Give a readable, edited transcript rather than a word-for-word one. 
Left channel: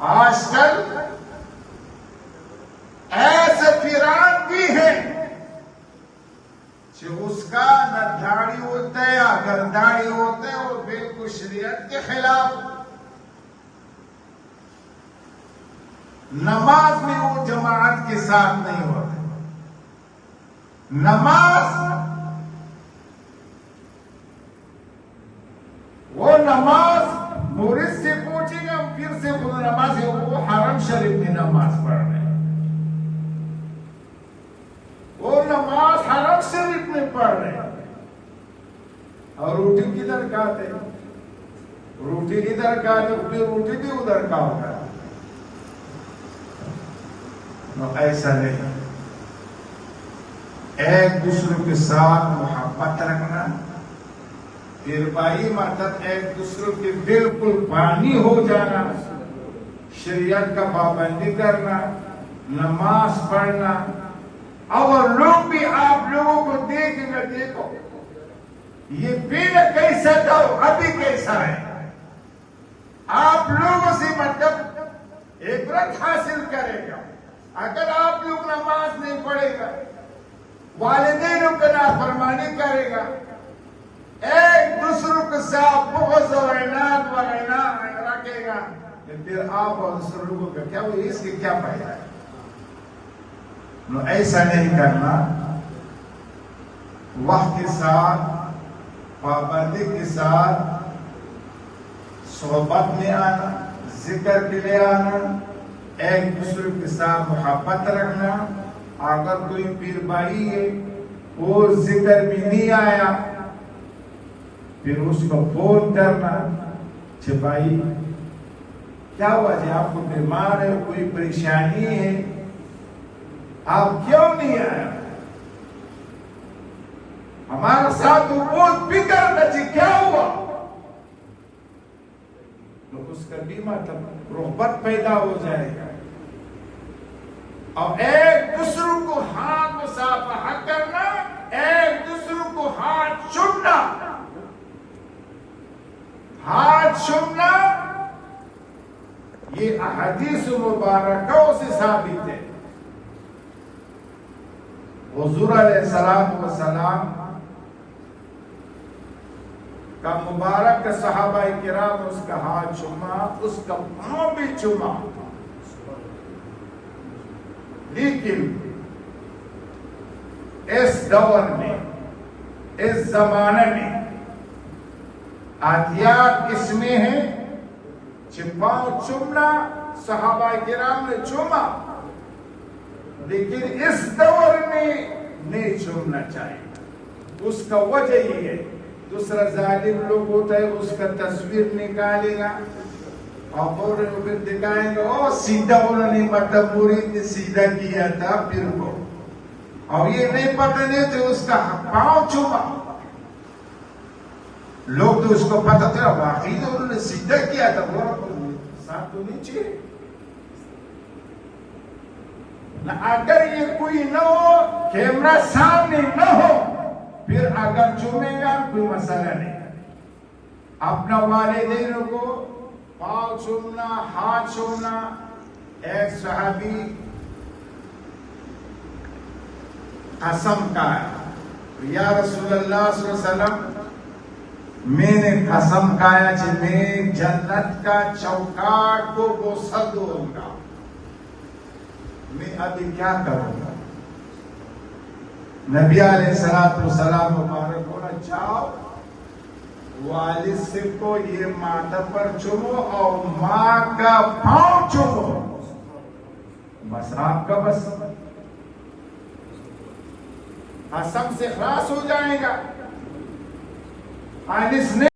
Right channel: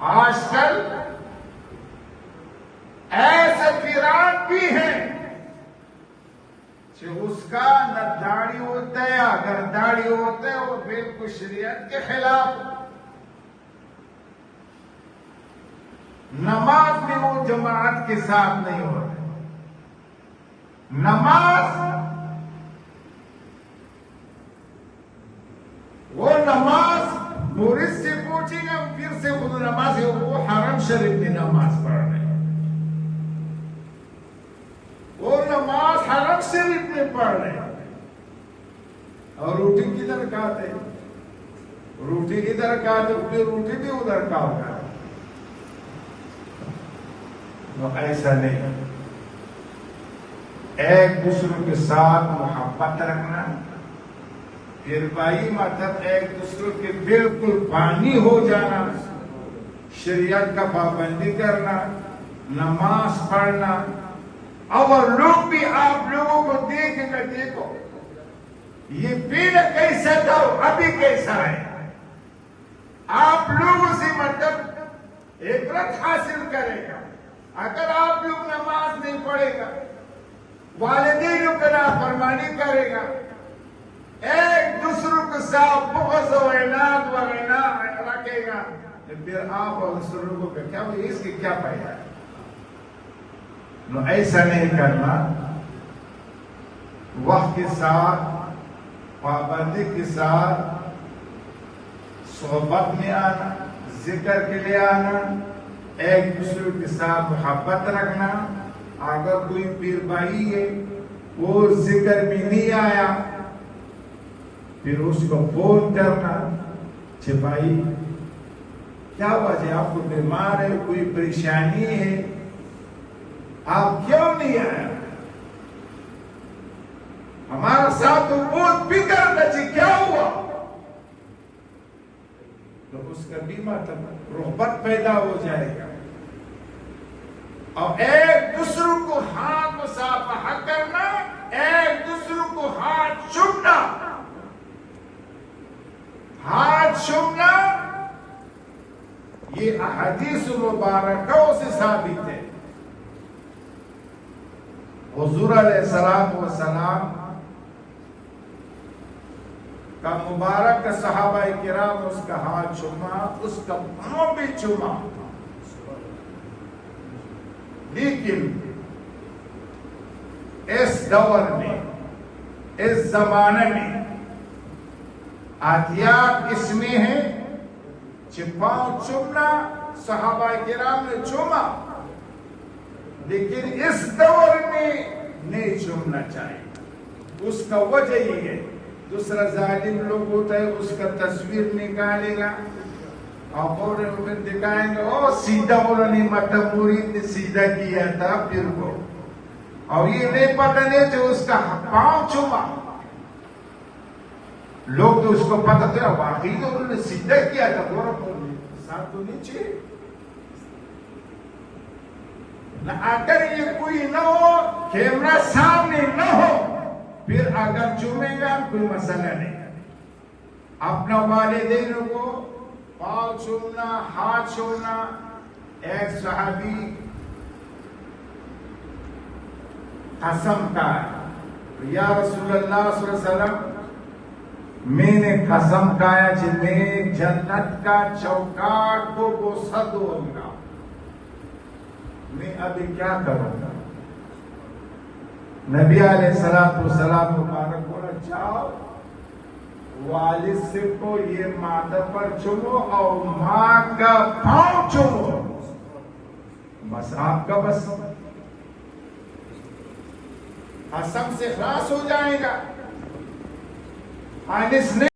آج کل ایسے پیران بھی ہیں کہ اس کا نہ داڑھی ہوتا ہے، اگر داڑھی ہوتا ہے وہ بالکل شریعت کے خلاف. نماز میں وہ جماعت کے ساتھ نہیں ہوتے. نماز مورد سے پوچھیں گے پھر سے خود نماز ہے، وہ حرم شریف میں نماز پڑھ رہے ہیں، وہ نماز حرم شریف میں پڑھ رہے ہیں. اور روٹی کدھر کھاتے؟ روٹی ادھر کھاتے، پھر روٹی بھی ادھر کا ہوگا. ایسا نہیں. ایک دوسرے کے ساتھ محبت رکھنا، پھر بھائی مطلب ایک دوسرے کے بالکل بانی ہو جانا، شریعت کا پابندی کرنا، نماز پڑھنا. اور لوگ بھی آپ لوگوں کو دیکھیں گے، دیکھو یہ پہلے کیسا تھا ابھی کیسا ہے. آپ لوگوں سے مطلب عبرت حاصل کرے گا. اگر آپ لوگ نماز نہیں پڑھے گا، والدینوں پہ نافرمانی کرے گا، ایک دوسروں کے ساتھ بغض و عناد رکھے گا، پھر آپ اور دوسروں کو کیا وہ اس کی کیا پڑھے گا. نو ایسا نہیں کرنا. وقت کے ساتھ پابندی کے ساتھ صحبت میں آنا، ذکر کے لیے آنا، ایک دوسرے کے ساتھ محبت رکھنا. اگر کوئی پیر بھائی ہے وہ ذکر بھی نہیں آیا، پھر اس کو فون کرنا کہ بھائی کیا وجہ، آپ کو بیمار ہے، کوئی پریشانی ہے، آپ کیوں نہیں آیا؟ ہمارا ساتھ تو بہت فکر نہ چاہیے، کیا ہوا؟ تو اس کا بھی مطلب رغبت پیدا ہو جائے گا. اور ایک دوسروں کو ہاتھ مصافحہ کرنا، ایک دوسروں کو ہاتھ چومنا. ہاتھ چومنا یہ احادیث مبارکوں سے ثابت ہے. حضور علیہ السلام کا مبارک صحابہ کرام اس کا ہاتھ چوما، اس کا پاؤں بھی چوما. لیکن اس دور میں، اس زمانے میں احتیاط اس میں ہے کہ پاؤں چومنا صحابہ کرام نے چوما، لیکن اس دور میں نہیں چومنا چاہیے. اس کا وجہ یہ ہے، دوسرا ظالم لوگ ہوتا ہے اس کا تصویر نکالے گا اور فوراً دکھائیں گے، او سیدھا انہوں نے مطلب مرید نے سیدھا کیا تھا پھر کو، اور یہ نہیں پتہ نہیں تو اس کا پاؤں چوما. لوگ تو اس کو پتہ تھا واقعی تو انہوں نے سیدھا کیا تھا، وہ ساتھ تو نہیں چاہیے. اگر یہ کوئی نہ ہو، کیمرہ سامنے نہ ہو، پھر اگر چومے گا کوئی مسئلہ نہیں. اپنا والدین کو پاؤں چومنا، ہاتھ چومنا. ایک صحابی قسم کھایا، یا رسول اللہ صلی اللہ علیہ وسلم میں نے قسم کھایا کہ میں جنت کا چوکاٹ کو بوسہ دوں گا، میں ابھی کیا کروں گا؟ نبی علیہ السلام مبارک بولا، جاؤ والد سے کو یہ ماتھے پر چومو اور ماں کا پاؤں چومو، بس آپ کا بس قسم سے خلاص ہو جائے گا.